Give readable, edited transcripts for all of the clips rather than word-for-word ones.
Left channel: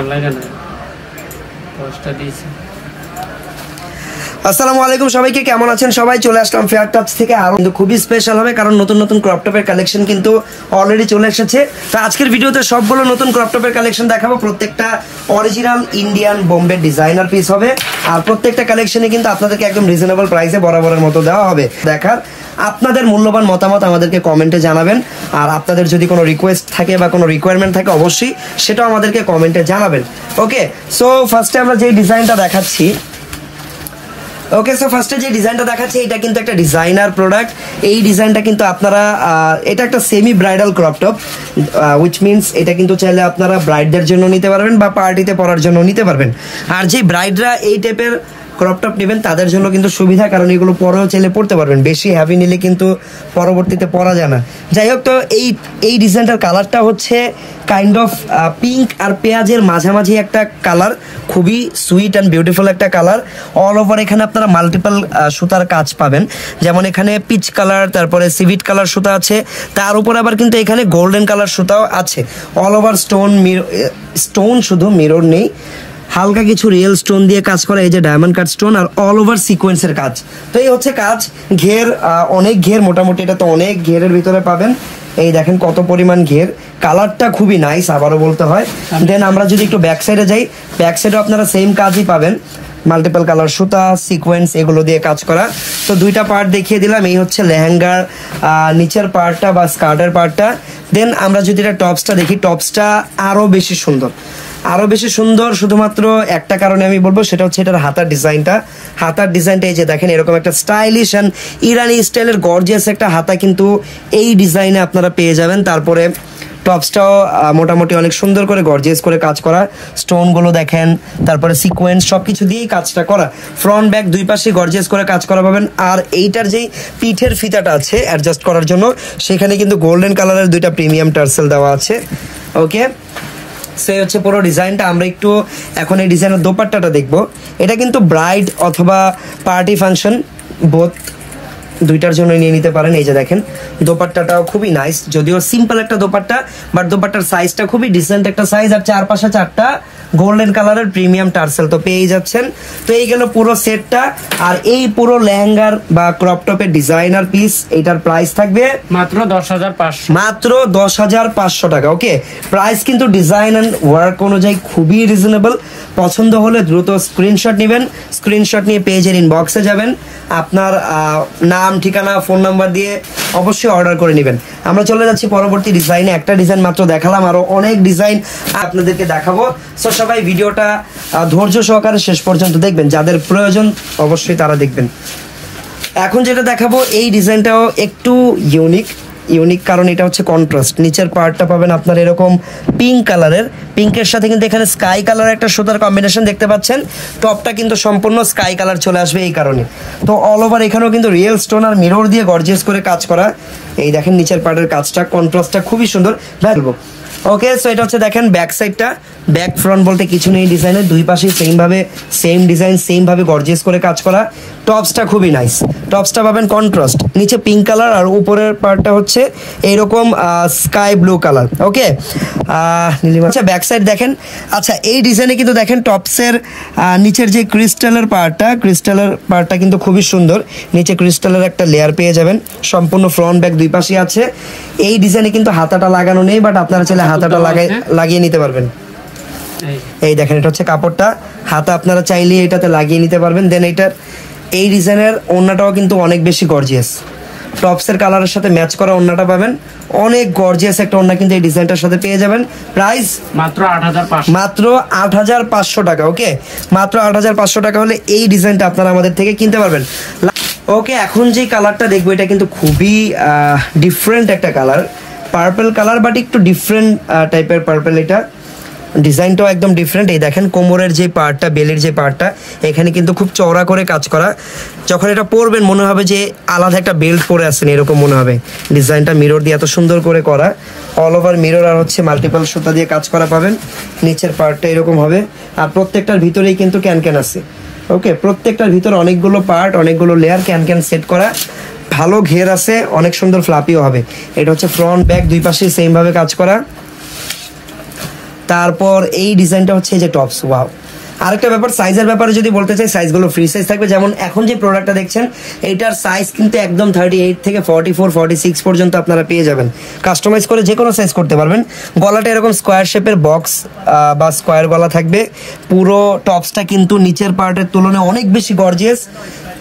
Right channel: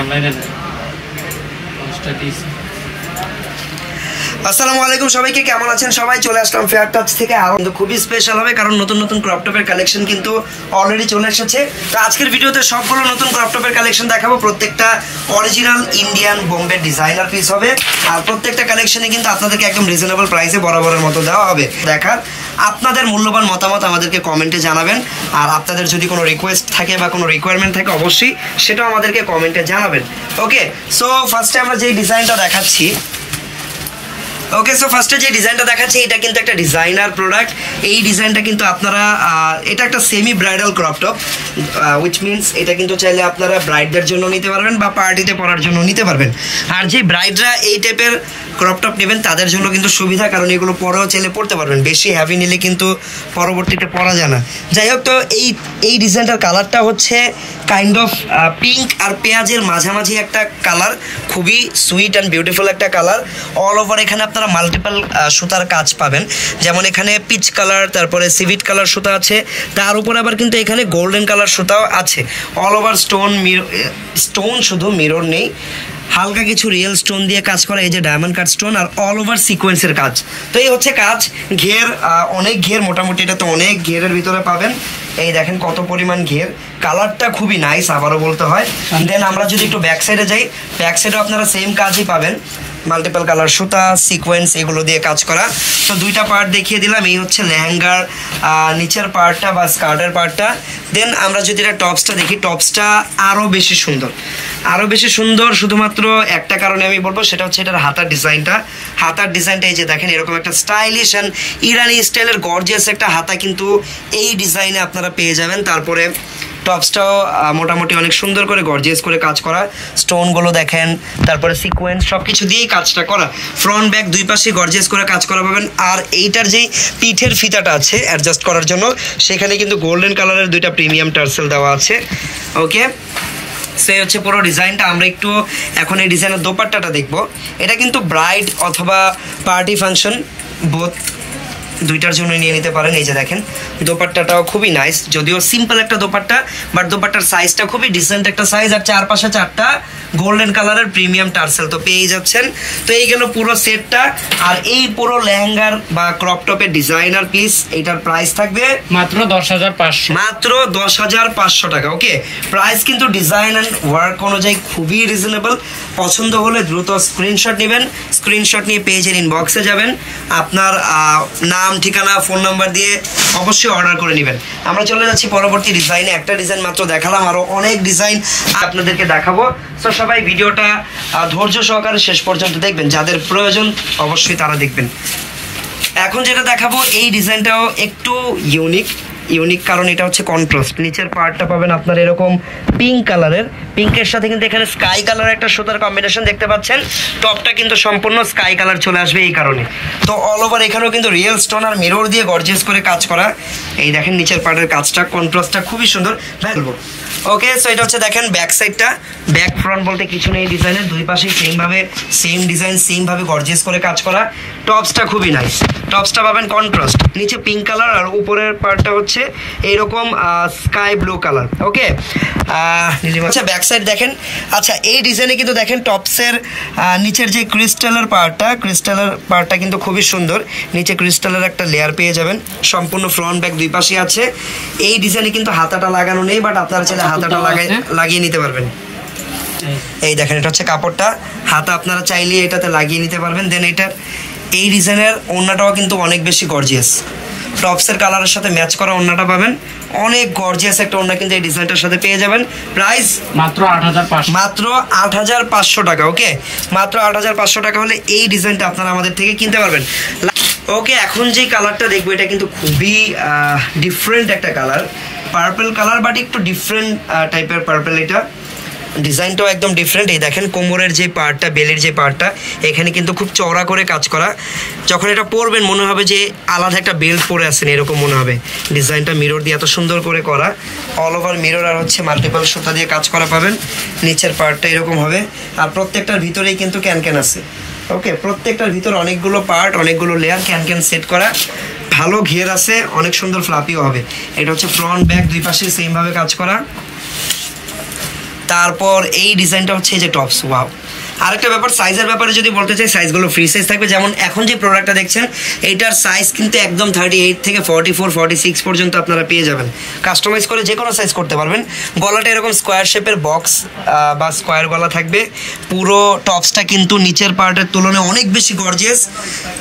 অনলাইনে না পোস্টটা দিয়েছি। আসসালামু আলাইকুম সবাইকে, কেমন আছেন সবাই? চলে আসলাম ফেয়ার টাচ থেকে। কিন্তু খুবই স্পেশাল হবে কারণ নতুন নতুন ক্রপ টপের কালেকশন কিন্তু অলরেডি চলে এসেছে। তো আজকের ভিডিওতে সবগুলো নতুন ক্রপ টপের কালেকশন দেখাবো। প্রত্যেকটা original Indian Bombay designer piece হবে আর প্রত্যেকটা কালেকশনে কিন্তু আপনাদেরকে একদম রিজনেবল প্রাইসে বরাবরের মতো দেওয়া হবে। দেখার আপনাদের মূল্যবান মতামত আমাদেরকে কমেন্টে জানাবেন, আর আপনাদের যদি কোনো রিকোয়েস্ট থাকে বা কোনো রিকোয়ারমেন্ট থাকে অবশ্যই সেটাও আমাদেরকে কমেন্টে জানাবেন। ওকে, সো ফার্স্টে আমরা যেই ডিজাইনটা দেখাচ্ছি, ওকে সো ফার্স্টে যে ডিজাইনটা দেখাচ্ছি এটা কিন্তু একটা ডিজাইনার প্রোডাক্ট। এই ডিজাইনটা কিন্তু আপনারা এটা একটা semi bridal crop top, which means এটা কিন্তু চাইলে আপনারা ব্রাইডদের জন্য নিতে পারবেন বা পার্টিতে পরার জন্য নিতে পারবেন। আর যে ব্রাইডরা এই টাইপের ক্রপ টপ নেবেন তাদের জন্য কিন্তু সুবিধা, কারণ এগুলো পরেও চাইলে পড়তে পারবেন। বেশি হ্যাভি নিলে কিন্তু পরবর্তীতে পরা যায় না। যাই হোক, তো এই ডিজাইনটার কালারটা হচ্ছে কাইন্ড অফ পিঙ্ক আর পেঁয়াজের মাঝামাঝি একটা কালার, খুবই সুইট অ্যান্ড বিউটিফুল একটা কালার। অল ওভার এখানে আপনারা মাল্টিপল সুতার কাজ পাবেন, যেমন এখানে পিচ কালার, তারপরে সিভিট কালার সুতা আছে, তার উপর আবার কিন্তু এখানে গোল্ডেন কালার সুতাও আছে। অল ওভার স্টোন শুধু মিরর নেই, হালকা কিছু রিয়েল স্টোন দিয়ে কাজ করা, এই যে ডায়মন্ড কাট স্টোন, আর অল ওভার সিকোয়েন্সের কাজ। তো এই হচ্ছে কাজ। ঘের অনেক ঘের, মোটামুটি এটা তো অনেক ঘেরের ভিতরে পাবেন। এই দেখেন কত পরিমাণ ঘের, কালারটা খুবই নাইস, আবারও বলতে হয়। দেন আমরা যদি একটু ব্যাক সাইডে যাই, ব্যাক সাইডেও আপনারা সেম কাজই পাবেন, মাল্টিপল কালার সুতা, সিকোয়েন্স এগুলো দিয়ে কাজ করা। তো দুইটা পার্ট দেখিয়ে দিলাম, এই হচ্ছে লেহেঙ্গার নিচের পার্টটা বা স্কার্টের পার্টটা। দেন আমরা যদি এটা টপসটা দেখি, টপসটা আরও বেশি সুন্দর, আরও বেশি সুন্দর। শুধুমাত্র একটা কারণে আমি বলবো, সেটা হচ্ছে এটার হাতার ডিজাইনটা। হাতার ডিজাইনটা এই যে দেখেন, এরকম একটা স্টাইলিশ অ্যান্ড ইরানি স্টাইলের গর্জিয়াস একটা হাতা কিন্তু এই ডিজাইনে আপনারা পেয়ে যাবেন। তারপরে টপসটাও মোটামুটি অনেক সুন্দর করে গর্জিয়াস করে কাজ করা, স্টোনগুলো দেখেন, তারপরে সিকোয়েন্স সব কিছু দিয়েই কাজটা করা। ফ্রন্ট ব্যাক দুই পাশে গর্জিয়াস করে কাজ করা পাবেন। আর এইটার যেই পিঠের ফিতাটা আছে অ্যাডজাস্ট করার জন্য, সেখানে কিন্তু গোল্ডেন কালারের দুইটা প্রিমিয়াম টার্সেল দেওয়া আছে। ওকে, সে হচ্ছে পুরো ডিজাইনটা। আমরা একটু এখন এই ডিজাইনের দোপাট্টাটা দেখবো। এটা কিন্তু ব্রাইড অথবা পার্টি ফাংশন বোথ দুইটার জন্য নিয়ে নিতে পারেন। এই যে দেখেন দোপাট্টাটাও খুবই নাইস, যদিও সিম্পল একটা দোপাট্টা, বাট দোপাট্টার সাইজটা খুবই ডিসেন্ট একটা সাইজ। আর চারপাশে চারটা গোল্ডেন কালারের প্রিমিয়াম টার্সেল তো পেয়ে যাচ্ছেন। তো এই গেল পুরো সেটটা। আর এই পুরো লেহেঙ্গার বা ক্রপ টপের ডিজাইনার পিস, এইটার প্রাইস থাকবে মাত্র 10,500, মাত্র 10,500 টাকা। ওকে, প্রাইস কিন্তু ডিজাইন অ্যান্ড ওয়ার্ক অনুযায়ী খুবই রিজনেবল। পছন্দ হলে দ্রুত স্ক্রিনশট নেবেন, স্ক্রিনশট নিয়ে পেজের ইনবক্সে যাবেন, আপনার নাম, ঠিকানা, ফোন নাম্বার দিয়ে অবশ্যই অর্ডার করে নেবেন। আমরা চলে যাচ্ছি পরবর্তী ডিজাইনে। একটা ডিজাইন মাত্র দেখালাম, আরও অনেক ডিজাইন আপনাদেরকে দেখাবো। সো সবাই ভিডিওটা ধৈর্য সহকারে শেষ পর্যন্ত দেখবেন, যাদের প্রয়োজন অবশ্যই তারা দেখবেন। এখন যেটা দেখাবো এই ডিজাইনটাও একটু ইউনিক, কারণ এটা হচ্ছে কন্ট্রাস্ট। নিচের পার্টটা পাবেন আপনার এরকম পিঙ্ক কালারের, পিঙ্কের সাথে কিন্তু এখানে স্কাই কালার একটা সুতার কম্বিনেশন দেখতে পাচ্ছেন। টপটা কিন্তু সম্পূর্ণ স্কাই কালার চলে আসবে এই কারণে। তো অল ওভার এখানেও কিন্তু রিয়েল স্টোন আর মিরর দিয়ে গর্জিয়াস করে কাজ করা। এই দেখেন নিচের পার্টের কাজটা, কন্ট্রাস্টটা খুবই সুন্দর। বলবো ওকে, সো এটা হচ্ছে দেখেন ব্যাক সাইডটা। ব্যাক ফ্রন্ট বলতে কিছু নেই, ডিজাইনের দুই পাশেই সেম ডিজাইন, সেম ভাবে গর্জিয়াস করে কাজ করা। টপসটা খুবই নাইস, টপসটা পাবেন কন্ট্রাস্ট, নিচে পিঙ্ক কালার আর উপরের পার্টটা হচ্ছে এইরকম স্কাই ব্লু কালার। ওকে, আচ্ছা ব্যাক সাইড দেখেন। আচ্ছা এই ডিজাইনে কিন্তু দেখেন টপসের নিচের যে ক্রিস্টালের পার্টটা কিন্তু খুবই সুন্দর। নিচে ক্রিস্টালের একটা লেয়ার পেয়ে যাবেন, সম্পূর্ণ ফ্রন্ট ব্যাক দুই পাশে আছে। এই ডিজাইনে কিন্তু হাতাটা লাগানো নেই, বাট আপনার চাইলে হাতাটা লাগিয়ে নিতে পারবেন। এই দেখেন এটা হচ্ছে কাপড়টা, হাতা আপনারা চাইলে এটাতে লাগিয়ে নিতে পারবেন। দেন এই ডিজাইনের ওড়নাটাও কিন্তু অনেক বেশি গর্জিয়াস, টপসের কালারের সাথে ম্যাচ করা ওড়নাটা পাবেন, অনেক গর্জিয়াস একটা ওড়না কিন্তু এই ডিজাইনটার সাথে পেয়ে যাবেন। প্রাইস মাত্র 8,500, মাত্র 8,500 টাকা। ওকে, মাত্র 8,500 টাকা হলে এই ডিজাইনটা আপনারা আমাদের থেকে কিনতে পারবেন। ওকে, এখন যে কালারটা দেখবো এটা কিন্তু খুবই ডিফারেন্ট একটা কালার, পার্পল কালার, বাট একটু ডিফারেন্ট টাইপের পার্পল। এটা ডিজাইনটাও একদম ডিফারেন্ট। এই দেখেন কোমরের যে পার্টটা, বেলের যে পার্টটা, এখানে কিন্তু খুব চওড়া করে কাজ করা। যখন এটা পরবেন মনে হবে যে আলাদা একটা বেল্ট পরে আছেন, এরকম মনে হবে। ডিজাইনটা মিরর দিয়ে এত সুন্দর করে করা, অল ওভার মিরর আর হচ্ছে মাল্টিপল সুতা দিয়ে কাজ করা পাবেন। নিচের পার্টটা এরকম হবে, আর প্রত্যেকটার ভিতরেই কিন্তু ক্যান আছে। ওকে, প্রত্যেকটার ভিতরে অনেকগুলো পার্ট, অনেকগুলো লেয়ার, ক্যান সেট করা, ভালো ঘের আছে, অনেক সুন্দর ফ্লাপিও হবে। এটা হচ্ছে ফ্রন্ট ব্যাক দুই পাশে সেম ভাবে কাজ করা। তারপর এই ডিজাইনটা হচ্ছে এই যে টপস, ওয়াও। আরেকটা ব্যাপার, সাইজের ব্যাপারে যদি বলতে চাই, সাইজগুলো ফ্রি সাইজ থাকবে। যেমন এখন যে প্রোডাক্টটা দেখছেন এইটার সাইজ কিন্তু একদম 38 থেকে 44 46 পর্যন্ত আপনারা পেয়ে যাবেন। কাস্টমাইজ করে যে কোনো সাইজ করতে পারবেন। গলাটা এরকম স্কোয়ার শেপের বক্স বা স্কোয়ার গলা থাকবে। পুরো টপসটা কিন্তু নিচের পার্টের তুলনায় অনেক বেশি গর্জিয়াস।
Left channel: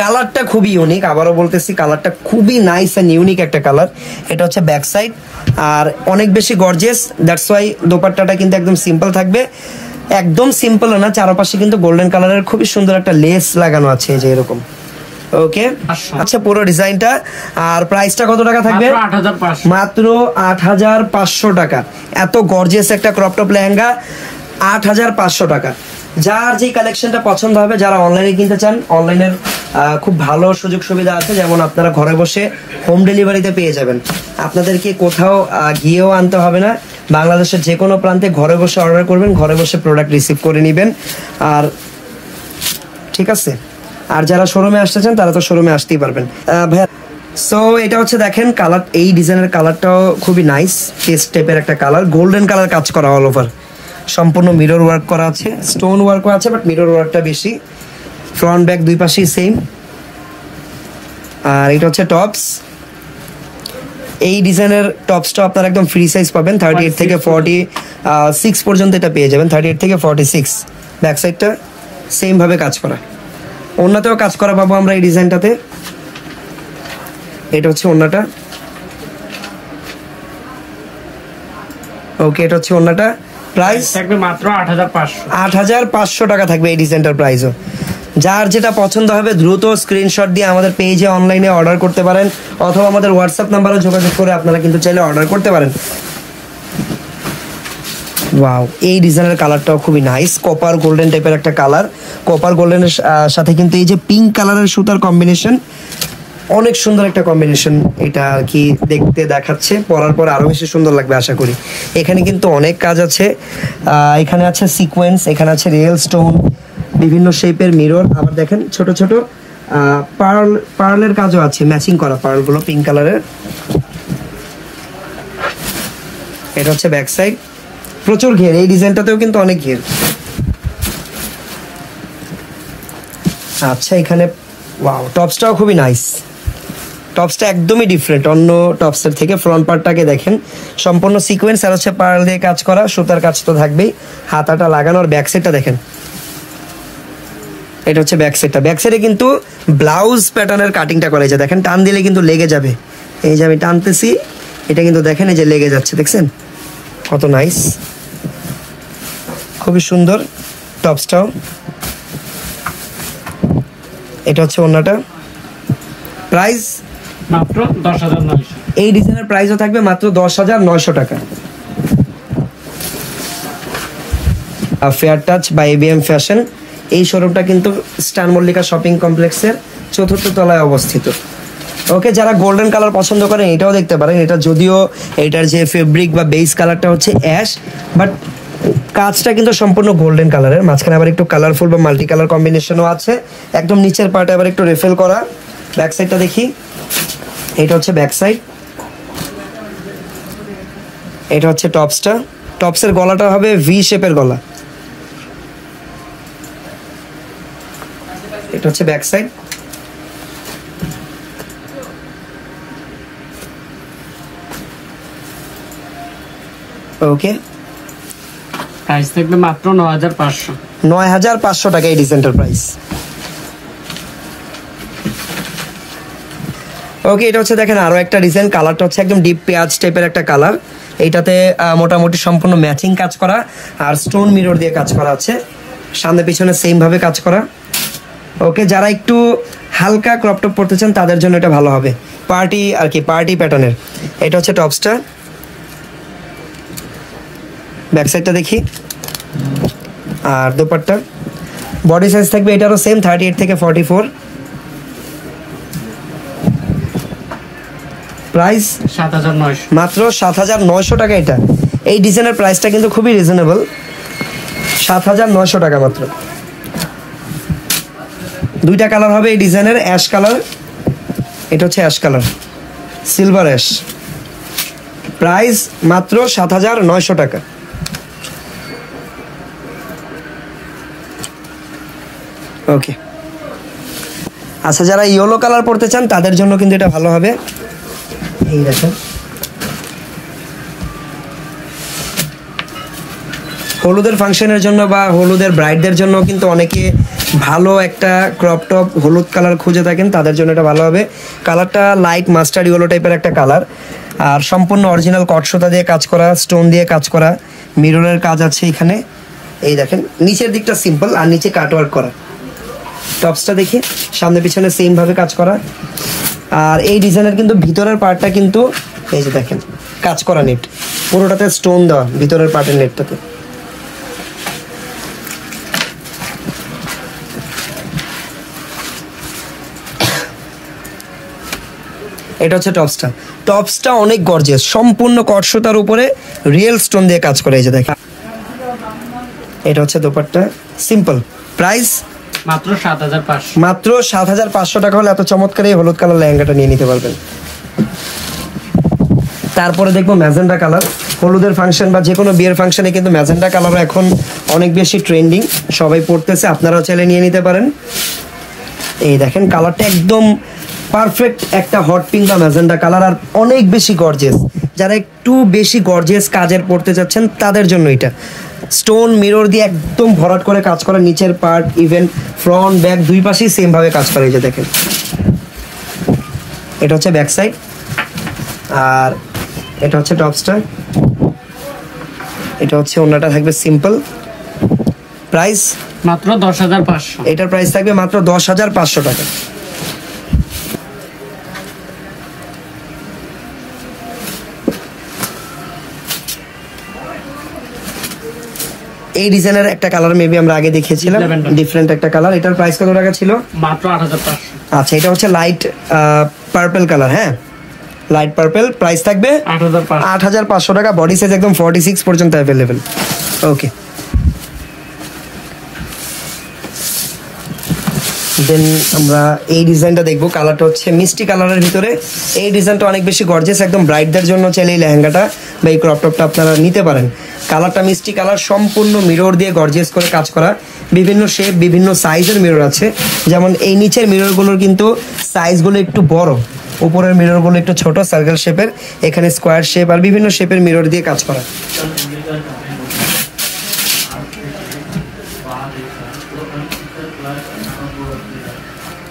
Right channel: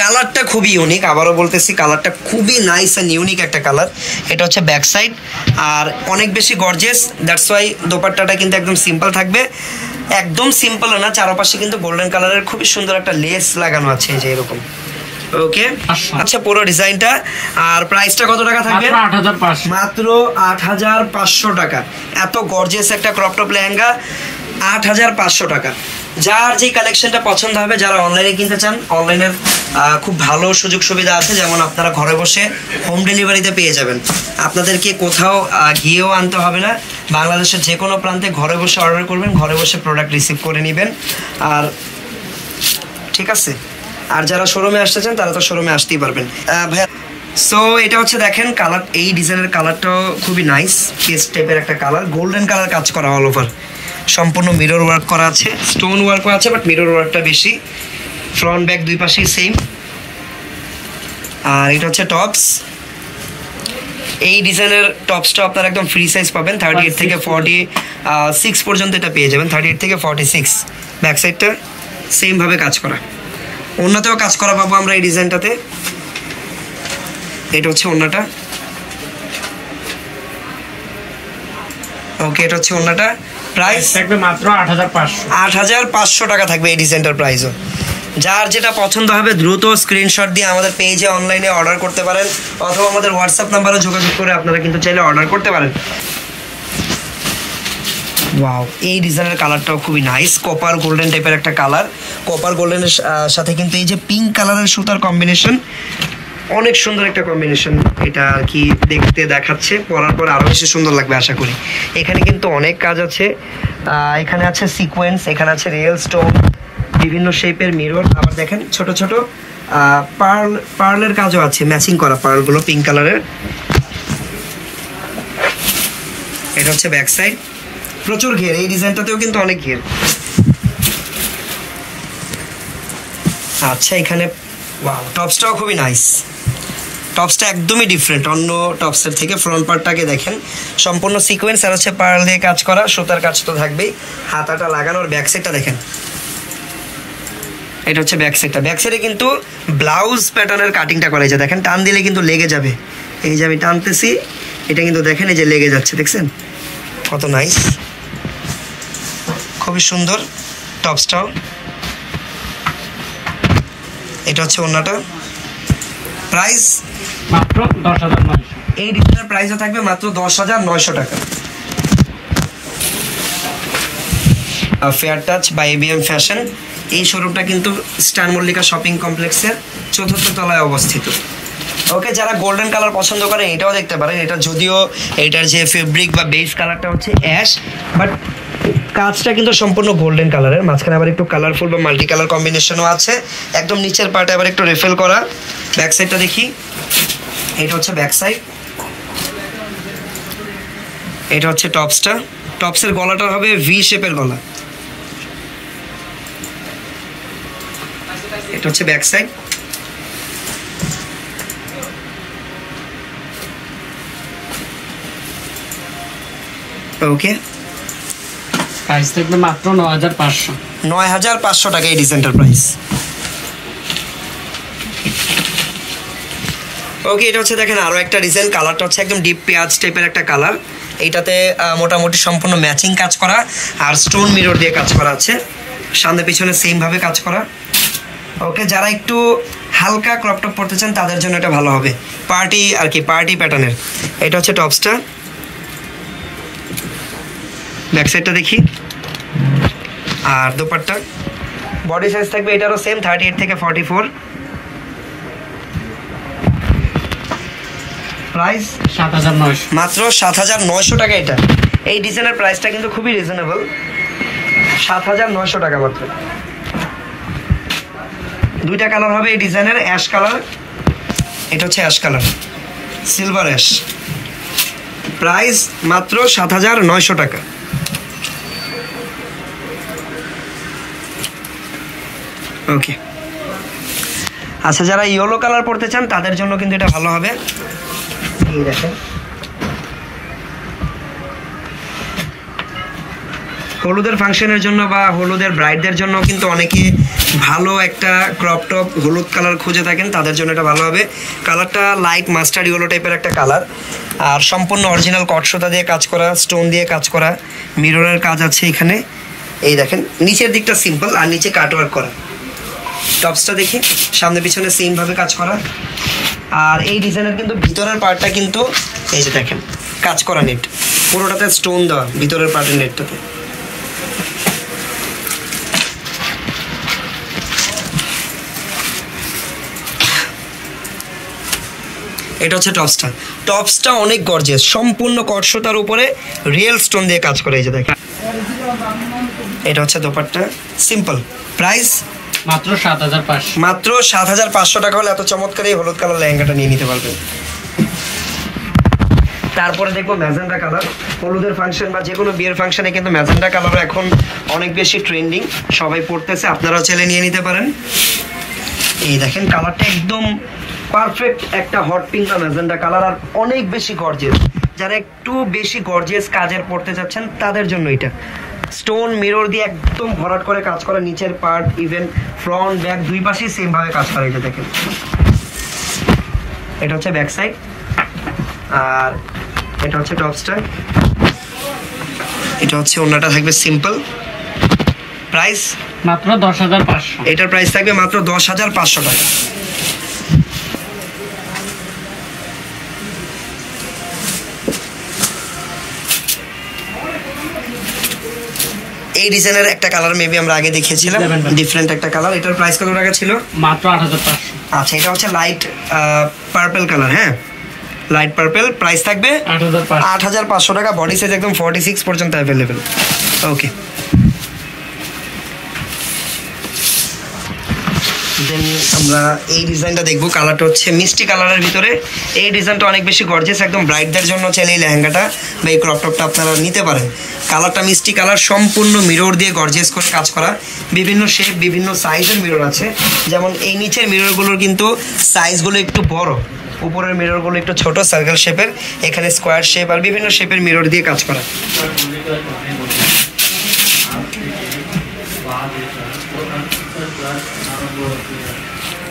কালারটা খুবই ইউনিক, আবারও বলতেছি কালারটা খুবই নাইস অ্যান্ড ইউনিক একটা কালার। এটা হচ্ছে ব্যাক সাইড আর অনেক বেশি গর্জিয়াস, দ্যাটস ওয়াই দোপাট্টাটা কিন্তু একদম সিম্পল থাকবে। একদম সিম্পল না, চারপাশে কিন্তু গোল্ডেন কালারের খুবই সুন্দর একটা লেস লাগানো আছে এই যে এরকম। ওকে, আচ্ছা পুরো ডিজাইনটা। আর প্রাইসটা কত টাকা থাকবে? মাত্র 8500 টাকা। এত গর্জিয়াস একটা ক্রপ টপ লেহেঙ্গা 8500 টাকা। যার যে কালেকশনটা পছন্দ হবে, যারা অনলাইনে কিনতে চান, অনলাইনের খুব ভালো সুযোগ সুবিধা আছে। যেমন আপনারা ঘরে বসে হোম ডেলিভারিতে পেয়ে যাবেন, আপনাদেরকে কোথাও গিয়েও আনতে হবে না। বাংলাদেশের যে কোনো প্রান্তে ঘরে বসে অর্ডার করবেন, ঘরে বসে প্রোডাক্ট রিসিভ করে নেবেন। আর ঠিক আছে, আর যারা শোরুমে আসতে চান তারা তো শোরুমে আসতেই পারবেন ভাইয়া। সো এটা হচ্ছে দেখেন কালার, এই ডিজাইনের কালারটাও খুবই নাইস, পেস্ট টাইপের একটা কালার, গোল্ডেন কালার কাজ করা অল ওভার, সম্পূর্ণ মিরর ওয়ার্ক করা আছে, স্টোন ওয়ার্কও আছে, বাট মিরর ওয়ার্কটা বেশি। ফ্রন্ট ব্যাক দুই পাশেই সেম। আর এটা হচ্ছে টপস। এই ডিজাইনের টপসটা আপনারা একদম ফ্রি সাইজ পাবেন, 38 থেকে 46 পর্যন্ত এটা পেয়ে যাবেন, 38 থেকে 46। ব্যাক সাইডটা সেম ভাবে কাজ করা, ওন্নাতেও কাজ করা পাবো আমরা এই ডিজাইনটাতে। এটা হচ্ছে ওন্নাটা। ওকে, এটা হচ্ছে ওন্নাটা। প্রাইস থাকবে মাত্র 8500 টাকা থাকবে এই ডিজাইনটার প্রাইসও। যার যেটা পছন্দ হবে দ্রুত স্ক্রিনশট দিয়ে আমাদের পেজে অনলাইনে অর্ডার করতে পারেন, অথবা আমাদের হোয়াটসঅ্যাপ নাম্বারে যোগাযোগ করে আপনারা কিন্তু চাইলে অর্ডার করতে পারেন। ওয়াও, এই ডিজাইনের কালারটাও খুবই নাইস, কপার গোল্ডেন টাইপের একটা কালার। কপার গোল্ডেনের সাথে কিন্তু এই যে পিঙ্ক কালারের সুতার কম্বিনেশন, অনেক সুন্দর একটা কম্বিনেশন। এটা আর কি দেখতে দেখাচ্ছে, পরার পর আরো বেশি সুন্দর লাগবে আশা করি। এখানে কিন্তু অনেক কাজ আছে, এখানে আছে সিকোয়েন্স, এখানে আছে রিয়েল স্টোন, বিভিন্ন শেপের মিরর, আবার দেখেন ছোট ছোট পার্লের কাজও আছে, ম্যাচিং করা পার্লগুলো পিঙ্ক কালারের। এটা হচ্ছে ব্যাক সাইড, প্রচুর ঘের, এই ডিজাইনটাতেও কিন্তু অনেক ঘের। আচ্ছা, এখানে ওয়াও, টপসটাও খুবই নাইস। টপসটা একদমই ডিফারেন্ট অন্য টপসের থেকে। ফ্রন্ট পার্টটাকে দেখেন, সম্পূর্ণ সিকোয়েন্স আর হচ্ছে পার্ল দিয়ে কাজ করা, সুতার কাজ তো থাকবেই, হাতাটা লাগানো। আর ব্যাক সাইডটা দেখেন, এটা হচ্ছে ব্যাক সাইডটা। ব্যাক সাইডে কিন্তু ব্লাউজ প্যাটার্নের কাটিংটা করা হয়েছে, দেখেন টান দিলে কিন্তু লেগে যাবে। এই যে আমি টানতেছি, এটা কিন্তু দেখেন এই যে লেগে যাচ্ছে, দেখছেন কত নাইস, খুবই সুন্দর টপসটাও। এটা হচ্ছে ওন্নাটা। প্রাইস মাত্র 10900। এই ডিজাইনের প্রাইসও থাকবে মাত্র 10900 টাকা। ফেয়ার টাচ বা এবিএম ফ্যাশন, এই শোরুমটা কিন্তু স্টার মল্লিকা শপিং কমপ্লেক্সের 4th তলায় অবস্থিত। ওকে, যারা গোল্ডেন কালার পছন্দ করেন এটাও দেখতে পারেন। এটা যদিও এটার যে ফেব্রিক বা বেস কালারটা হচ্ছে অ্যাশ, বাট কাজটা কিন্তু সম্পূর্ণ গোল্ডেন কালারের, মাঝখানে আবার একটু কালারফুল বা মাল্টি কালার কম্বিনেশনও আছে। একদম নিচের পার্টে আবার একটু রেফেল করা। ব্যাক সাইডটা দেখি, এটা হচ্ছে ব্যাক সাইড। এটা হচ্ছে টপসটা। টপসের গলাটা হবে ভি শেপের গলা। এটা হচ্ছে ব্যাক সাইড। ওকে, প্রাইস থাকবে মাত্র 9500। 9500 টাকা এই ডিজাইনটার প্রাইস। ওকে, এটা হচ্ছে দেখেন আরো একটা ডিজাইন, কালারটা হচ্ছে একদম ডিপ পেঁয়াজ টাইপের একটা কালার। এইটাতে মোটামুটি সম্পূর্ণ ম্যাচিং কাজ করা আর স্টোন মিরর দিয়ে কাজ করা আছে, সামনে পিছনে সেম ভাবে কাজ করা। ওকে, যারা একটু হালকা ক্রপ টপ পড়তে চান তাদের জন্য এটা ভালো হবে, পার্টি আর কি, পার্টি প্যাটার্নের। এটা হচ্ছে টপসটা। ব্যাক সাইডটা দেখি, আর দোপাট্টা। বডি সাইজ থাকবে এটারও সেম, 38 থেকে 44। প্রাইস 7900, মাত্র 7900 টাকা। এটা এই ডিজাইনের প্রাইসটা কিন্তু খুবই রিজনেবল, 7900 টাকা মাত্র। দুইটা কালার হবে এই ডিজাইনের, অ্যাশ কালার, এটা হচ্ছে ash colour, silver ash. Price মাত্র 7900 টাকা। ওকে, আচ্ছা যারা ইয়েলো কালার পড়তে চান তাদের জন্য কিন্তু এটা ভালো হবে। এই দেখেন হলুদের ফাংশনের জন্য বা হলুদের ব্রাইডদের জন্য কিন্তু অনেকে ভালো একটা ক্রপ টপ হলুদ কালার খুঁজে থাকেন, তাদের জন্য এটা ভালো হবে। কালারটা লাইট মাস্টার্ড ইয়েলো টাইপের একটা কালার, আর সম্পূর্ণ অরিজিনাল কটসুতা দিয়ে কাজ করা, স্টোন দিয়ে কাজ করা, মিররের কাজ আছে এখানে। এই দেখেন নিচের দিকটা সিম্পল আর নিচে কাটওয়ার্ক করা। টপসটা দেখি, সামনে পিছনে সেম ভাবে কাজ করা। আর এই ডিজাইনের কিন্তু ভিতরের পার্টটা কিন্তু এই যে দেখেন কাজ করা নেট, পুরোটাতে স্টোন দেওয়া ভিতরের পার্টের নেটটাতে। এটা হচ্ছে টপসটা। টপসটা অনেক গর্জিয়াস, সম্পূর্ণ কটসুতার উপরে রিয়েল স্টোন দিয়ে কাজ করে। এই যে দেখেন এটা হচ্ছে দোপাট্টা, সিম্পল। প্রাইস মাত্র 7500। মাত্র 7500 টাকা হলে এত চমৎকার এই হলুদ কালার লেহেঙ্গাটা নিয়ে নিতে পারবেন। তারপরে দেখবো ম্যাজেন্ডা কালার। হলুদের ফাংশন বা যে কোনো বিয়ের ফাংশনে কিন্তু ম্যাজেন্ডা কালার এখন অনেক বেশি ট্রেন্ডিং, সবাই পড়তেছে, আপনারাও চাইলে নিয়ে নিতে পারেন। এই দেখেন কালারটা একদম পারফেক্ট একটা হট পিঙ্ক বা ম্যাজেন্ডা কালার, আর অনেক বেশি গর্জিয়াস। যারা একটু বেশি গর্জিয়াস কাজের পড়তে যাচ্ছেন তাদের জন্য এটা। স্টোন মিরর দিয়ে একদম ভরাট করে কাজ করা, নিচের পার্ট ইভেন ফ্রন্ট ব্যাক দুই পাশেই সেম ভাবে কাজ করা। এই যে দেখেন এটা হচ্ছে ব্যাক সাইড, আর এটা হচ্ছে টপসটা। এটা হচ্ছে ওড়নাটা থাকবে সিম্পল। প্রাইস মাত্র 10500। এটার প্রাইস থাকবে মাত্র 10500 টাকা। এই ডিজাইনের একটা কালার মেবি আমরা আগে দেখিয়েছিলাম, ডিফারেন্ট একটা কালার। এটার প্রাইস কত টাকা ছিল? মাত্র 8500। আচ্ছা এটা হচ্ছে লাইট পার্পল কালার। হ্যাঁ লাইট পার্পল, প্রাইস থাকবে 8500 টাকা। বডি সাইজ একদম 46 পর্যন্ত অ্যাভেলেবেল। ওকে, দেন আমরা এই ডিজাইনটা দেখবো। কালারটা হচ্ছে মিষ্টি কালারের ভিতরে। এই ডিজাইনটা অনেক বেশি গর্জিয়াস, একদম ব্রাইডদের জন্য চাইলে এই লেহেঙ্গাটা বা এই ক্রপ টপটা আপনারা নিতে পারেন। কালারটা মিষ্টি কালার, সম্পূর্ণ মিরর দিয়ে গর্জিয়াস করে কাজ করা, বিভিন্ন শেপ বিভিন্ন সাইজের মিরর আছে। যেমন এই নিচের মিররগুলোর কিন্তু সাইজগুলো একটু বড়, উপরের মিররগুলো একটু ছোট সার্কেল শেপের, এখানে স্কোয়ার শেপ আর বিভিন্ন শেপের মিরর দিয়ে কাজ করা।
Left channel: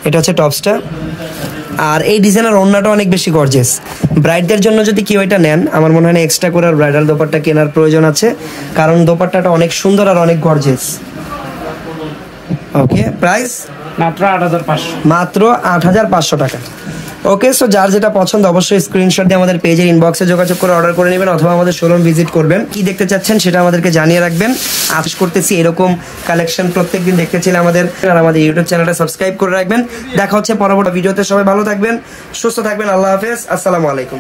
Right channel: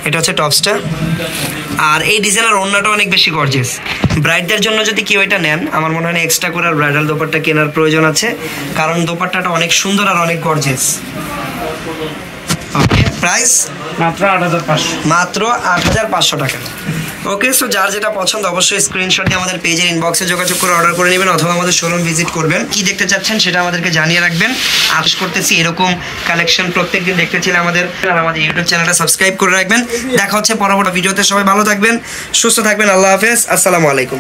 এটা হচ্ছে টপসটা, আর এই ডিজাইনের ওড়নাটা অনেক বেশি গর্জিয়াস। ব্রাইডদের জন্য যদি কেউ এটা নেন, আমার মনে হয় না এক্সট্রা করে ব্রাইডাল দোপাট্টা কেনার প্রয়োজন আছে, কারণ দোপাট্টাটা অনেক সুন্দর আর অনেক গর্জিয়াস। ওকে, প্রাইস মাত্র 8500। মাত্র 8500 টাকা। ওকে, সো যার যেটা পছন্দ অবশ্যই স্ক্রিনশট দিয়ে আমাদের পেজের ইনবক্সে যোগাযোগ করে অর্ডার করে নেবেন, অথবা আমাদের শোরুম ভিজিট করবেন। কি দেখতে চাচ্ছেন সেটা আমাদেরকে জানিয়ে রাখবেন। আশা করতেছি এরকম কালেকশন প্রত্যেকদিন দেখতে চাইলে আমাদের ইউটিউব চ্যানেলটা সাবস্ক্রাইব করে রাখবেন। দেখা হচ্ছে পরবর্তী ভিডিওতে। সবাই ভালো থাকবেন, সুস্থ থাকবেন। আল্লাহ হাফেজ, আসসালামু আলাইকুম।